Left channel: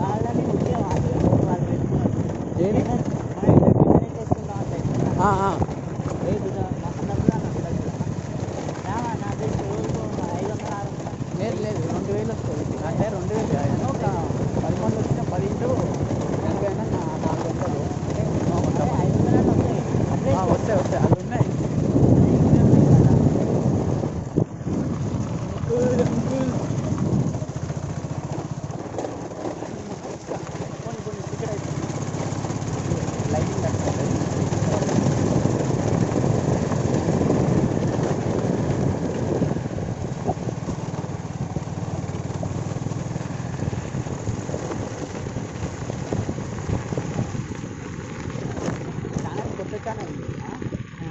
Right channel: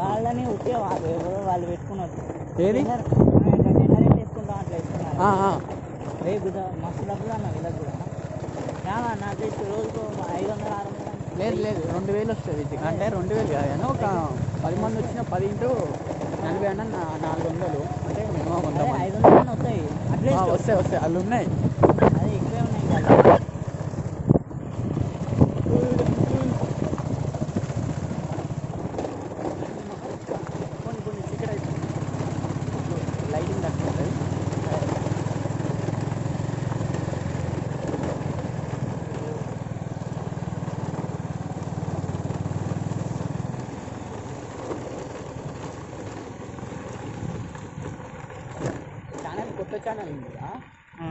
వాళ్ళని ఉద్యోగం వాళ్ళు పెట్టుకున్నారు ఏది జనరేట్ వేసుకుంటా అట్లా వేసుకున్నారు రేపు మస్తు డబ్బులు అన్న వీళ్ళకి నాకు తెలిసి రోజు 500 లేదు లేదు 2000 వస్తుంది అంటే 2000 కాదు ఒక 10 మంది వచ్చిన 10 ఇంటూ 80 అన్న 400 అంటే మినిమం 100 మంది 500 వస్తాయి అట్లే వస్తాయి వాళ్ళు ఉన్నాయి. కొన్ని టికెట్ అయిపోయింది లైటింగ్ తక్కువ కొత్త ఛానల్ ఉంది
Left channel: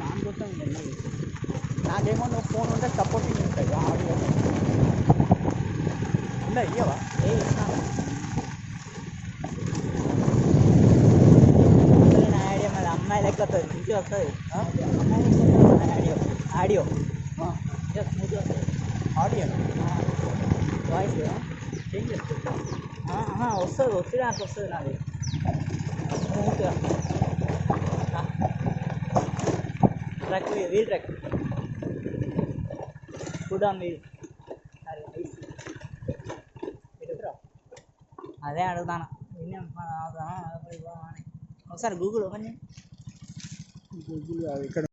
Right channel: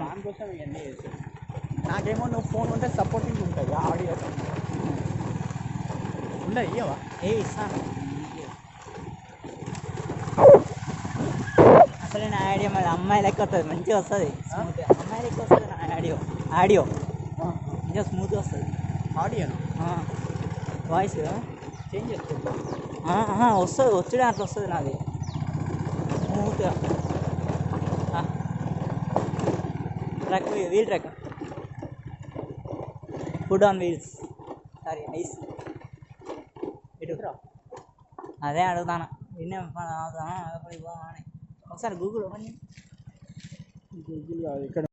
దానికోసం ఎంజాయ్ చేస్తాను. నాకేమో నువ్వు ఫోన్ ఉంటే సపోర్టింగ్ ఉంటుంది ఆడియో ఉందా ఇయ్యవా ఏ ఇస్తాను అసలు నా ఐడియా మరి అమ్మాయి లెక్క వస్తుంది మంచిగా వస్తుంది అమ్మాయి లెక్క వస్తుంది ఆడియో ఆడియో ఇంకా స్మూత్గా వస్తుంది ఆడియో వాయిస్ చేంజ్ చేస్తుంది వస్తుంది వచ్చుడే అట్లా వస్తుంది నాది స్మూత్గా truck wheel truck food on wheels sorry ఐస్ ఎటుకురా అదే అడుగుతాను నిన్నే ఒకసారి గూగుల్ ఓపెన్ గూగుల్ ఇక్కడ